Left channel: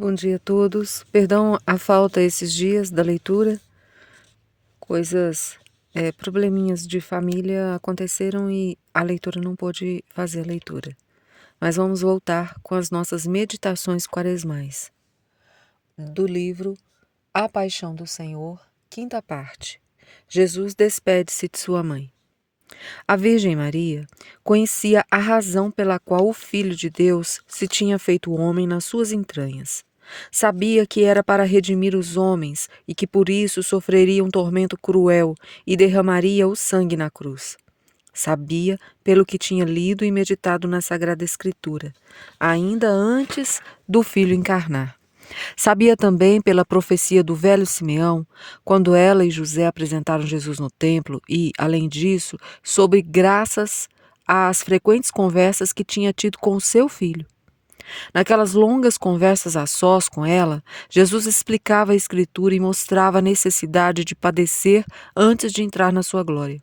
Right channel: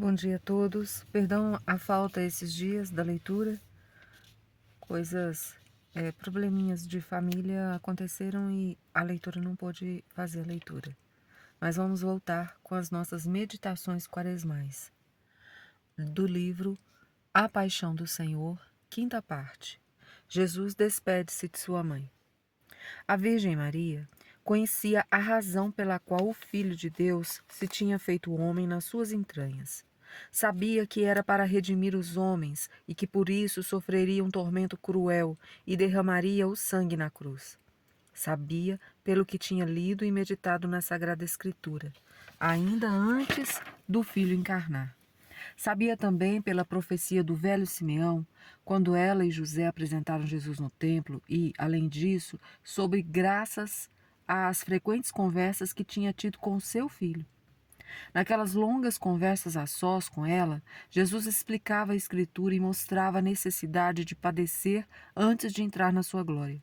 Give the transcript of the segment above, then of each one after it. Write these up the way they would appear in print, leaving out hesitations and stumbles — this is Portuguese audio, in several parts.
Bom dia a todos. Perdão a falta esses dias da leitura. Probleminhas de família aconteceram e a leitura não pôde fazer a leitura. Mas vamos voltar com as nossas meditações quaresmais. Do livro A Paixão do Senhor, quinta parte. Jesus despede-se de sua mãe. A Virgem Maria conhecia a razão pela qual o Filho de Deus se tinha feito homem nas suas entranhas. Sabia que era para redimir os homens e que por isso sofreria um tormento cruel e derramaria o sangue na cruz. Sabia pelo que tinha lido e meditado na Sagrada Escritura, ainda antes do Filho encarnar. Sabia também pela profecia do velho Simeão, quando ela e José apresentaram Jesus no templo e, além disso, sobre graças às frequentes conversas que tinha tido com o seu filho. Naquelas longas conversas a sós com ela, Jesus explicava a Escritura e mostrava a necessidade de padecer antes de entrar na sua glória.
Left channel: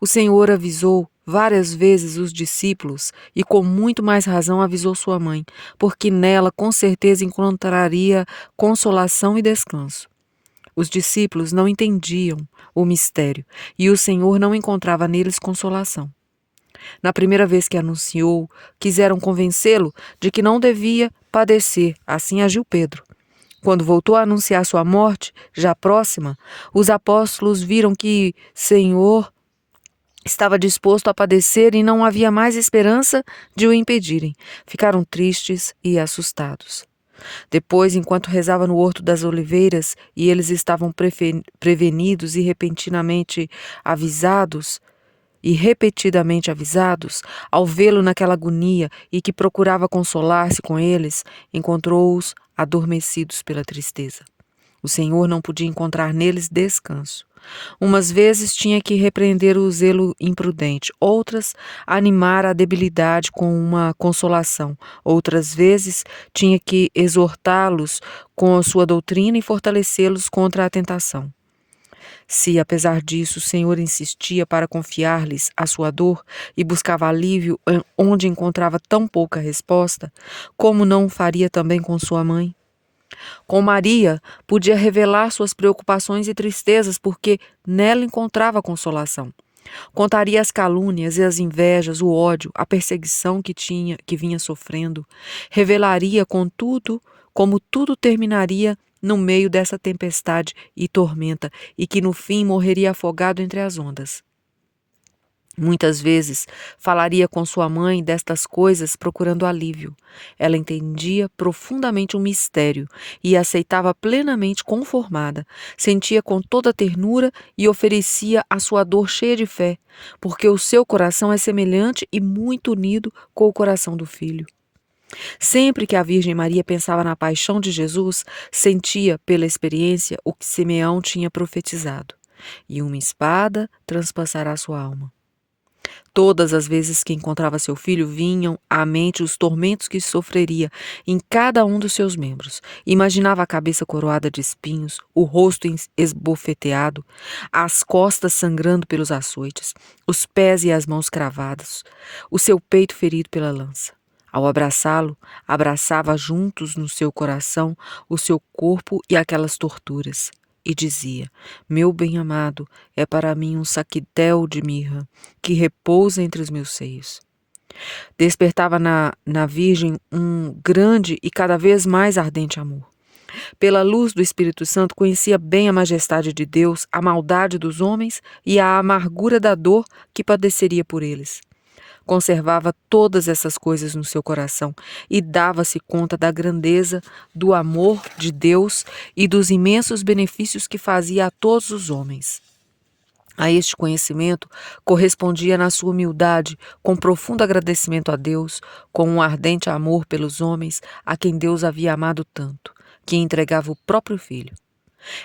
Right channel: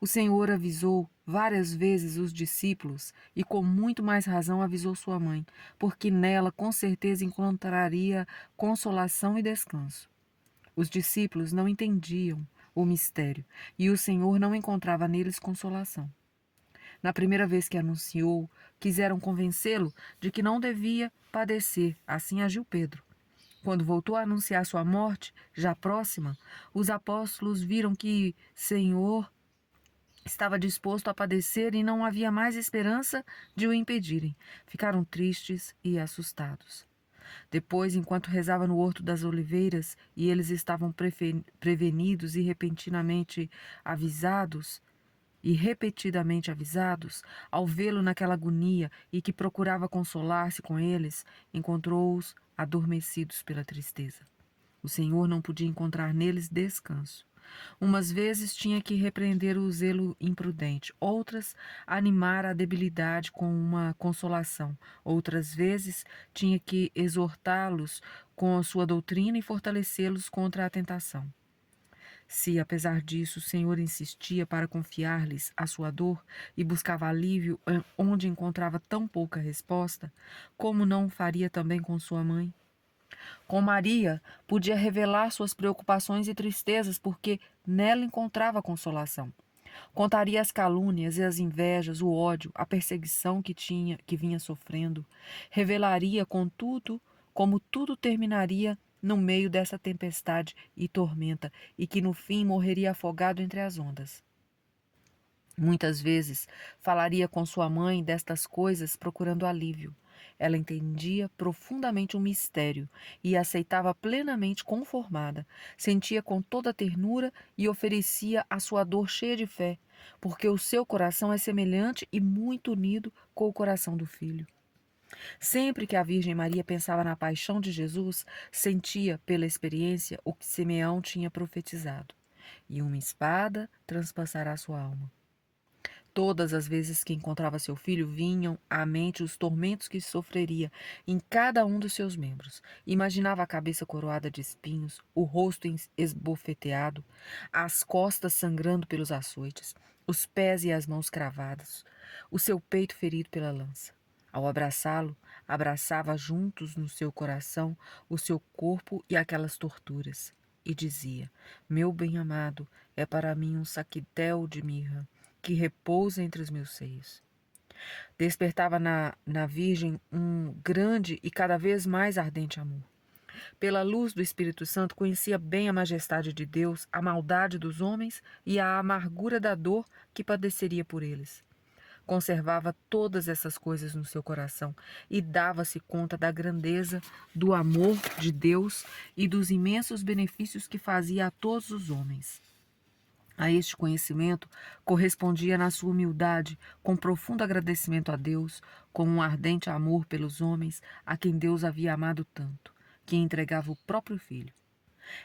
O Senhor avisou várias vezes os discípulos e com muito mais razão avisou sua mãe, porque nela com certeza encontraria consolação e descanso. Os discípulos não entendiam o mistério e o Senhor não encontrava neles consolação. Na primeira vez que anunciou, quiseram convencê-lo de que não devia padecer, assim agiu Pedro. Quando voltou a anunciar sua morte, já próxima, os apóstolos viram que Senhor estava disposto a padecer e não havia mais esperança de o impedirem. Ficaram tristes e assustados. Depois, enquanto rezava no Horto das Oliveiras e eles estavam prevenidos e repetidamente avisados, ao vê-lo naquela agonia e que procurava consolar-se com eles, encontrou-os adormecidos pela tristeza. O Senhor não podia encontrar neles descanso. Umas vezes tinha que repreender o zelo imprudente, outras animar a debilidade com uma consolação, outras vezes tinha que exortá-los com a sua doutrina e fortalecê-los contra a tentação. Se, apesar disso, o Senhor insistia para confiar-lhes a sua dor e buscava alívio onde encontrava tão pouca resposta, como não o faria também com sua mãe? Com Maria, podia revelar suas preocupações e tristezas, porque nela encontrava consolação. Contaria as calúnias e as invejas, o ódio, a perseguição que vinha sofrendo. Revelaria, contudo, como tudo terminaria no meio dessa tempestade e tormenta, e que no fim morreria afogado entre as ondas. Muitas vezes falaria com sua mãe destas coisas procurando alívio. Ela entendia profundamente o mistério e aceitava plenamente conformada. Sentia com toda ternura e oferecia a sua dor cheia de fé, porque o seu coração é semelhante e muito unido com o coração do filho. Sempre que a Virgem Maria pensava na paixão de Jesus, sentia, pela experiência, o que Simeão tinha profetizado. E uma espada transpassará sua alma. Todas as vezes que encontrava seu filho, vinham à mente os tormentos que sofreria em cada um dos seus membros. Imaginava a cabeça coroada de espinhos, o rosto esbofeteado, as costas sangrando pelos açoites, os pés e as mãos cravados, o seu peito ferido pela lança. Ao abraçá-lo, abraçava juntos no seu coração o seu corpo e aquelas torturas. E dizia: meu bem-amado é para mim um saquitel de mirra, que repousa entre os meus seios. Despertava na Virgem um grande e cada vez mais ardente amor. Pela luz do Espírito Santo, conhecia bem a majestade de Deus, a maldade dos homens e a amargura da dor que padeceria por eles. Conservava todas essas coisas no seu coração e dava-se conta da grandeza do amor de Deus e dos imensos benefícios que fazia a todos os homens. A este conhecimento correspondia na sua humildade, com profundo agradecimento a Deus, com um ardente amor pelos homens a quem Deus havia amado tanto, que entregava o próprio Filho.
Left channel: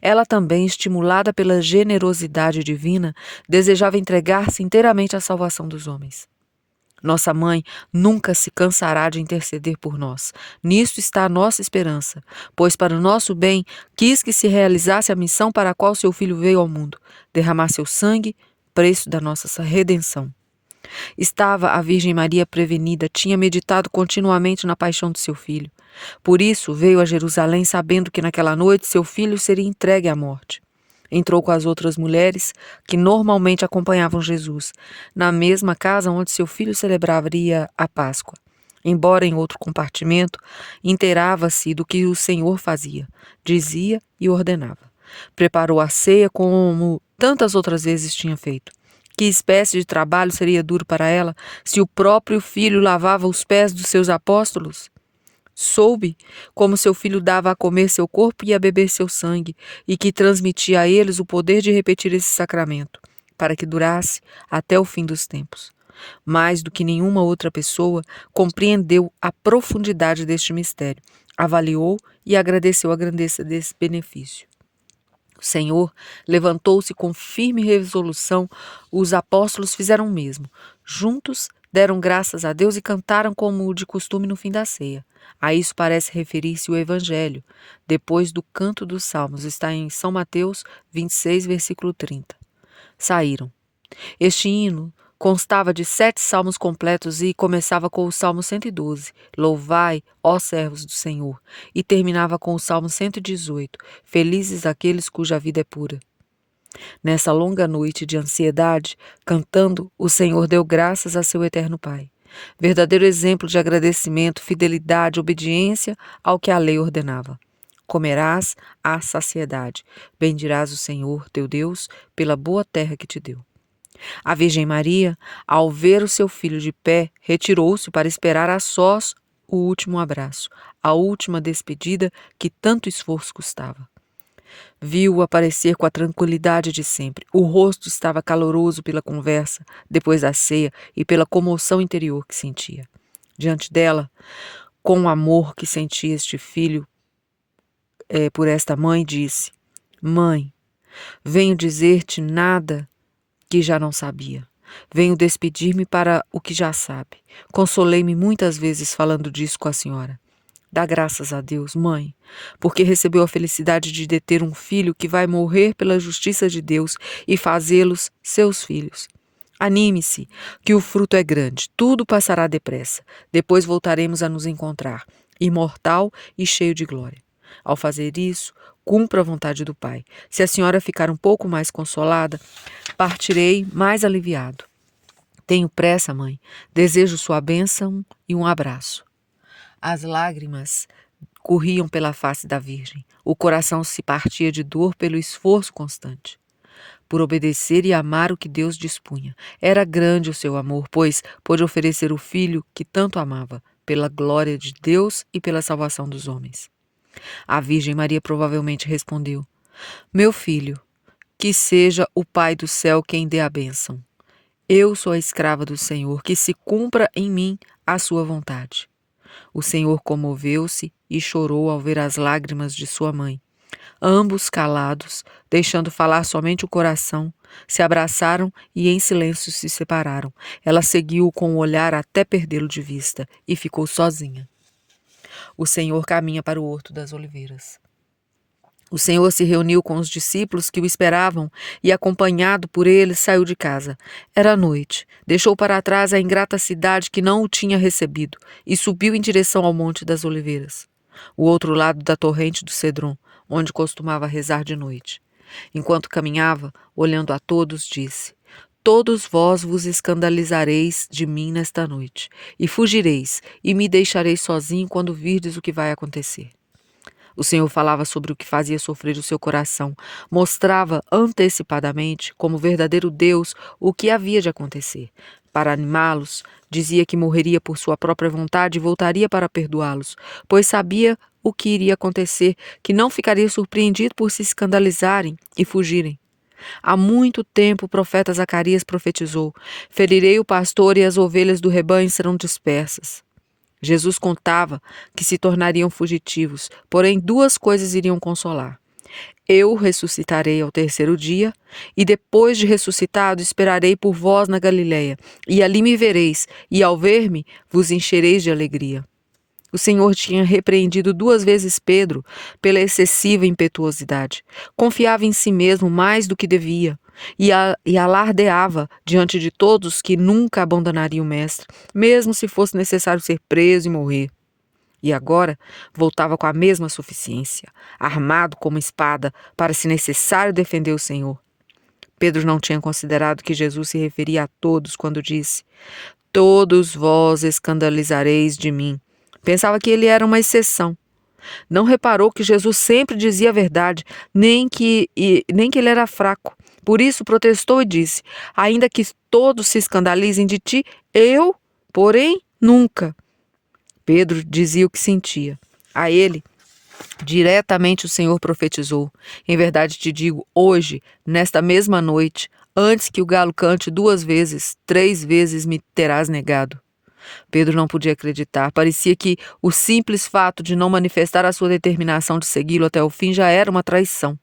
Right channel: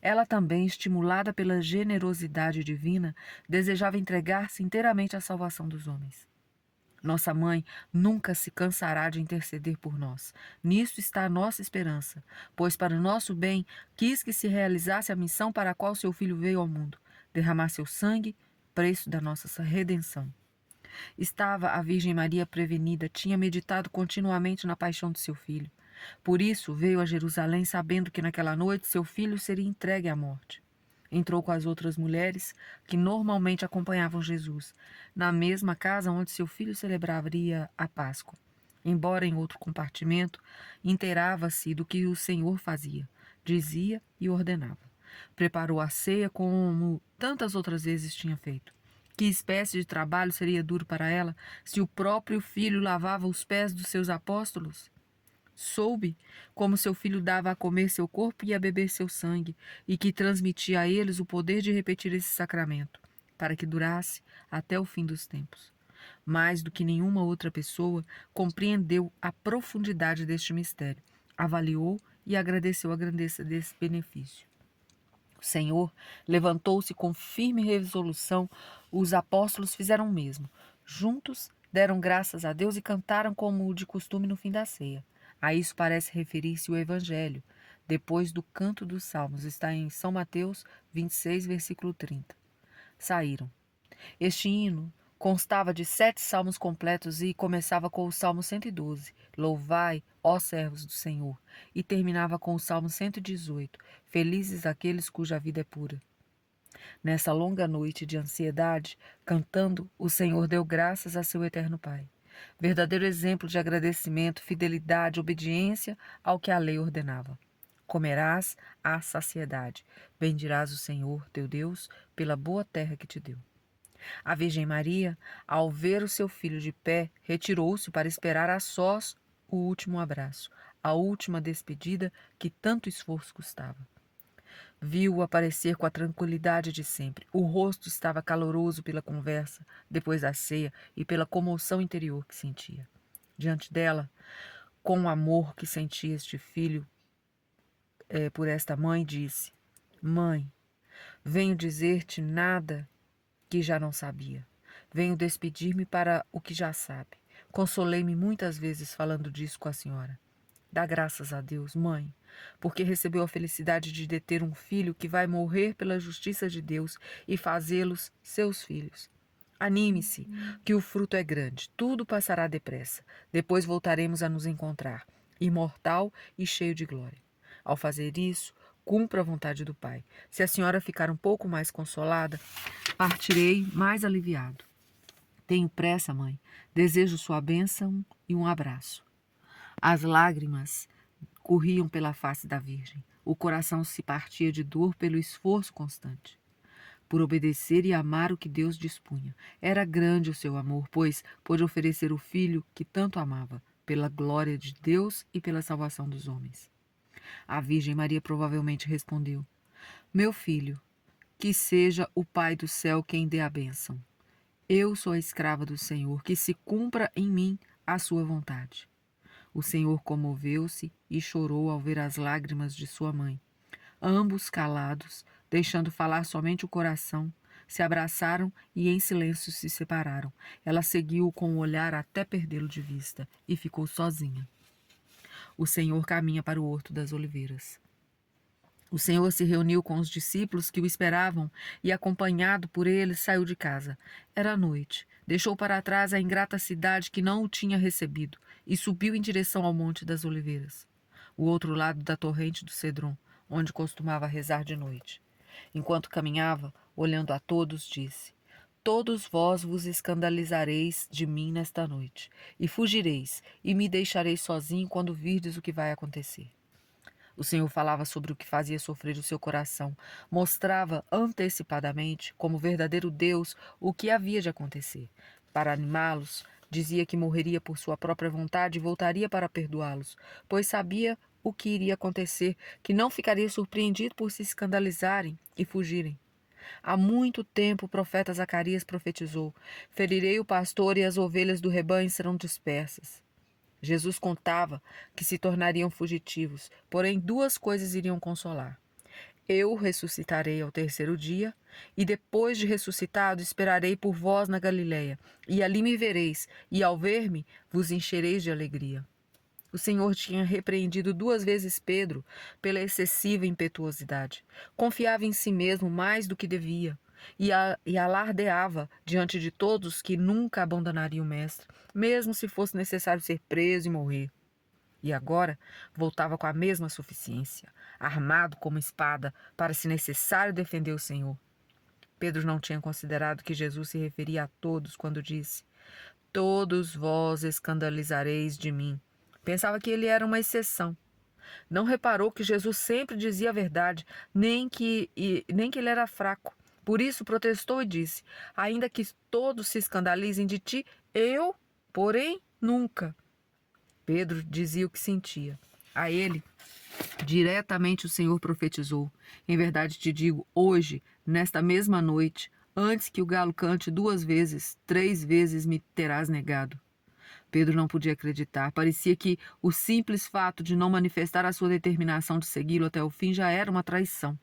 Ela também, estimulada pela generosidade divina, desejava entregar-se inteiramente à salvação dos homens. Nossa mãe nunca se cansará de interceder por nós. Nisto está a nossa esperança, pois para o nosso bem quis que se realizasse a missão para a qual seu filho veio ao mundo, derramar seu sangue, preço da nossa redenção. Estava a Virgem Maria prevenida, tinha meditado continuamente na paixão de seu filho. Por isso veio a Jerusalém sabendo que naquela noite seu filho seria entregue à morte. Entrou com as outras mulheres que normalmente acompanhavam Jesus, na mesma casa onde seu filho celebraria a Páscoa. Embora em outro compartimento, inteirava-se do que o Senhor fazia, dizia e ordenava. Preparou a ceia como tantas outras vezes tinha feito. Que espécie de trabalho seria duro para ela se o próprio filho lavava os pés dos seus apóstolos? Soube como seu filho dava a comer seu corpo e a beber seu sangue, e que transmitia a eles o poder de repetir esse sacramento, para que durasse até o fim dos tempos. Mais do que nenhuma outra pessoa, compreendeu a profundidade deste mistério, avaliou e agradeceu a grandeza desse benefício. O Senhor levantou-se com firme resolução, os apóstolos fizeram o mesmo. Juntos deram graças a Deus e cantaram como de costume no fim da ceia. A isso parece referir-se o Evangelho, depois do canto dos salmos, está em São Mateus 26, versículo 30. Saíram. Este hino constava de 7 salmos completos e começava com o Salmo 112, Louvai, ó servos do Senhor, e terminava com o Salmo 118, Felizes aqueles cuja vida é pura. Nessa longa noite de ansiedade, cantando, o Senhor deu graças a seu eterno Pai. Verdadeiro exemplo de agradecimento, fidelidade, obediência ao que a lei ordenava. Comerás à saciedade, bendirás o Senhor, teu Deus, pela boa terra que te deu. A Virgem Maria, ao ver o seu filho de pé, retirou-se para esperar a sós o último abraço, a última despedida que tanto esforço custava. Viu-o aparecer com a tranquilidade de sempre. O rosto estava caloroso pela conversa, depois da ceia, e pela comoção interior que sentia. Diante dela, com o amor que sentia este filho por esta mãe, disse: Mãe, venho dizer-te nada que já não sabia. Venho despedir-me para o que já sabe. Consolei-me muitas vezes falando disso com a senhora. Dá graças a Deus, mãe, porque recebeu a felicidade de deter um filho que vai morrer pela justiça de Deus e fazê-los seus filhos. Anime-se, que o fruto é grande, tudo passará depressa. Depois voltaremos a nos encontrar, imortal e cheio de glória. Ao fazer isso, cumpra a vontade do Pai. Se a senhora ficar um pouco mais consolada, partirei mais aliviado. Tenho pressa, mãe. Desejo sua bênção e um abraço. As lágrimas corriam pela face da Virgem. O coração se partia de dor pelo esforço constante. Por obedecer e amar o que Deus dispunha. Era grande o seu amor, pois pôde oferecer o filho que tanto amava, pela glória de Deus e pela salvação dos homens. A Virgem Maria provavelmente respondeu: Meu filho, que seja o Pai do céu quem dê a bênção. Eu sou a escrava do Senhor, que se cumpra em mim a sua vontade. O Senhor comoveu-se e chorou ao ver as lágrimas de sua mãe. Ambos calados, deixando falar somente o coração, se abraçaram e em silêncio se separaram. Ela seguiu-o com o olhar até perdê-lo de vista e ficou sozinha. O Senhor caminha para o Horto das Oliveiras. O Senhor se reuniu com os discípulos que o esperavam e, acompanhado por eles, saiu de casa. Era noite. Deixou para trás a ingrata cidade que não o tinha recebido e subiu em direção ao Monte das Oliveiras, o outro lado da torrente do Cedron, onde costumava rezar de noite. Enquanto caminhava, olhando a todos, disse: Todos vós vos escandalizareis de mim nesta noite, e fugireis, e me deixareis sozinho quando virdes o que vai acontecer. O Senhor falava sobre o que fazia sofrer o seu coração, mostrava antecipadamente, como verdadeiro Deus, o que havia de acontecer. Para animá-los, dizia que morreria por sua própria vontade e voltaria para perdoá-los, pois sabia o que iria acontecer, que não ficaria surpreendido por se escandalizarem e fugirem. Há muito tempo o profeta Zacarias profetizou: Ferirei o pastor e as ovelhas do rebanho serão dispersas. Jesus contava que se tornariam fugitivos, porém 2 coisas iriam consolar. Eu ressuscitarei ao 3º dia, e depois de ressuscitado esperarei por vós na Galiléia, e ali me vereis, e ao ver-me vos enchereis de alegria. O Senhor tinha repreendido 2 vezes Pedro pela excessiva impetuosidade. Confiava em si mesmo mais do que devia e alardeava diante de todos que nunca abandonaria o Mestre, mesmo se fosse necessário ser preso e morrer. E agora voltava com a mesma suficiência, armado como espada, para, se necessário, defender o Senhor. Pedro não tinha considerado que Jesus se referia a todos quando disse: "Todos vós escandalizareis de mim." Pensava que ele era uma exceção. Não reparou que Jesus sempre dizia a verdade, nem que ele era fraco. Por isso protestou e disse: "Ainda que todos se escandalizem de ti, eu, porém, nunca." Pedro dizia o que sentia. A ele, diretamente o Senhor profetizou: "Em verdade te digo, hoje, nesta mesma noite, antes que o galo cante 2 vezes, 3 vezes me terás negado." Pedro não podia acreditar. Parecia que o simples fato de não manifestar a sua determinação de segui-lo até o fim já era uma traição.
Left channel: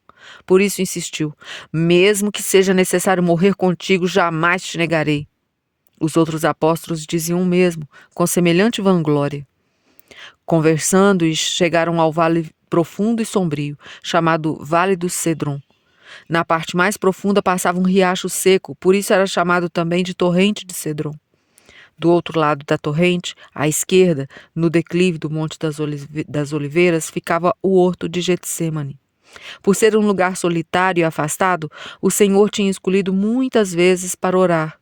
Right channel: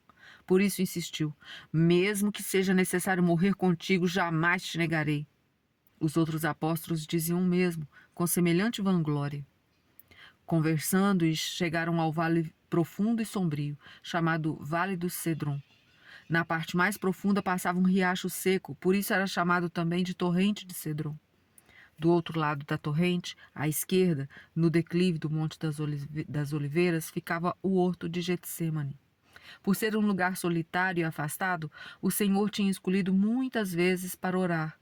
Por isso insistiu: "Mesmo que seja necessário morrer contigo, jamais te negarei." Os outros apóstolos diziam o mesmo, com semelhante vanglória. Conversando, e chegaram ao vale profundo e sombrio, chamado Vale do Cedron. Na parte mais profunda passava um riacho seco, por isso era chamado também de Torrente de Cedron. Do outro lado da torrente, à esquerda, no declive do Monte das Oliveiras, ficava o horto de Getsêmani. Por ser um lugar solitário e afastado, o Senhor tinha escolhido muitas vezes para orar.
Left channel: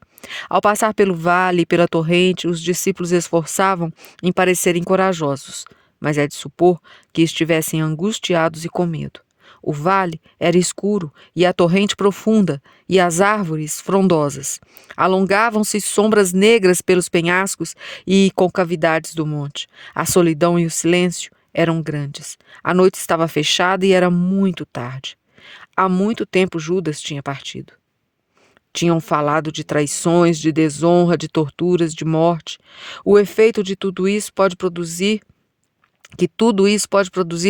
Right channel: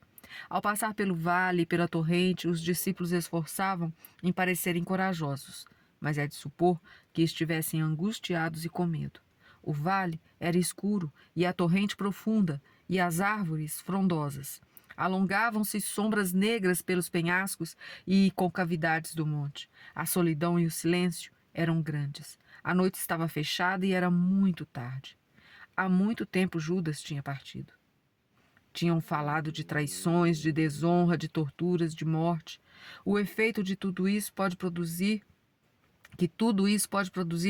Ao passar pelo vale e pela torrente, os discípulos esforçavam em parecerem corajosos, mas é de supor que estivessem angustiados e com medo. O vale era escuro e a torrente profunda, e as árvores frondosas. Alongavam-se sombras negras pelos penhascos e concavidades do monte. A solidão e o silêncio eram grandes. A noite estava fechada e era muito tarde. Há muito tempo Judas tinha partido. Tinham falado de traições, de desonra, de torturas, de morte. O efeito de tudo isso pode produzir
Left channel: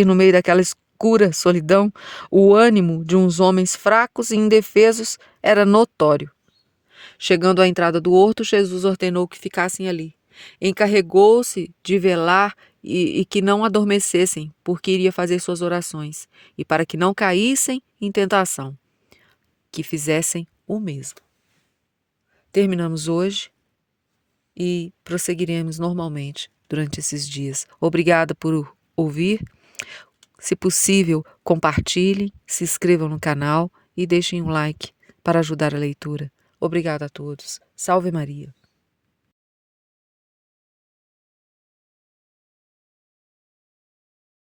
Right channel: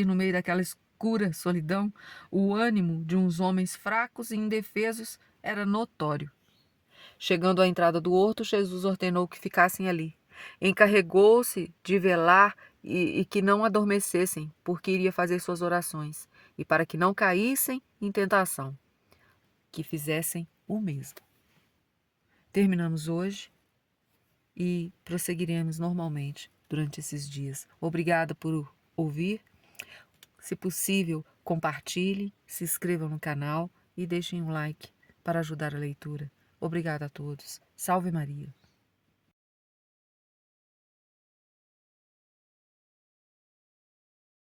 no meio daquela escura solidão, o ânimo de uns homens fracos e indefesos era notório. Chegando à entrada do horto, Jesus ordenou que ficassem ali. Encarregou-se de velar e que não adormecessem, porque iria fazer suas orações, e para que não caíssem em tentação, que fizessem o mesmo. Terminamos hoje e prosseguiremos normalmente durante esses dias. Obrigada por ouvir. Se possível, compartilhem, se inscrevam no canal e deixem um like para ajudar a leitura. Obrigada a todos. Salve Maria.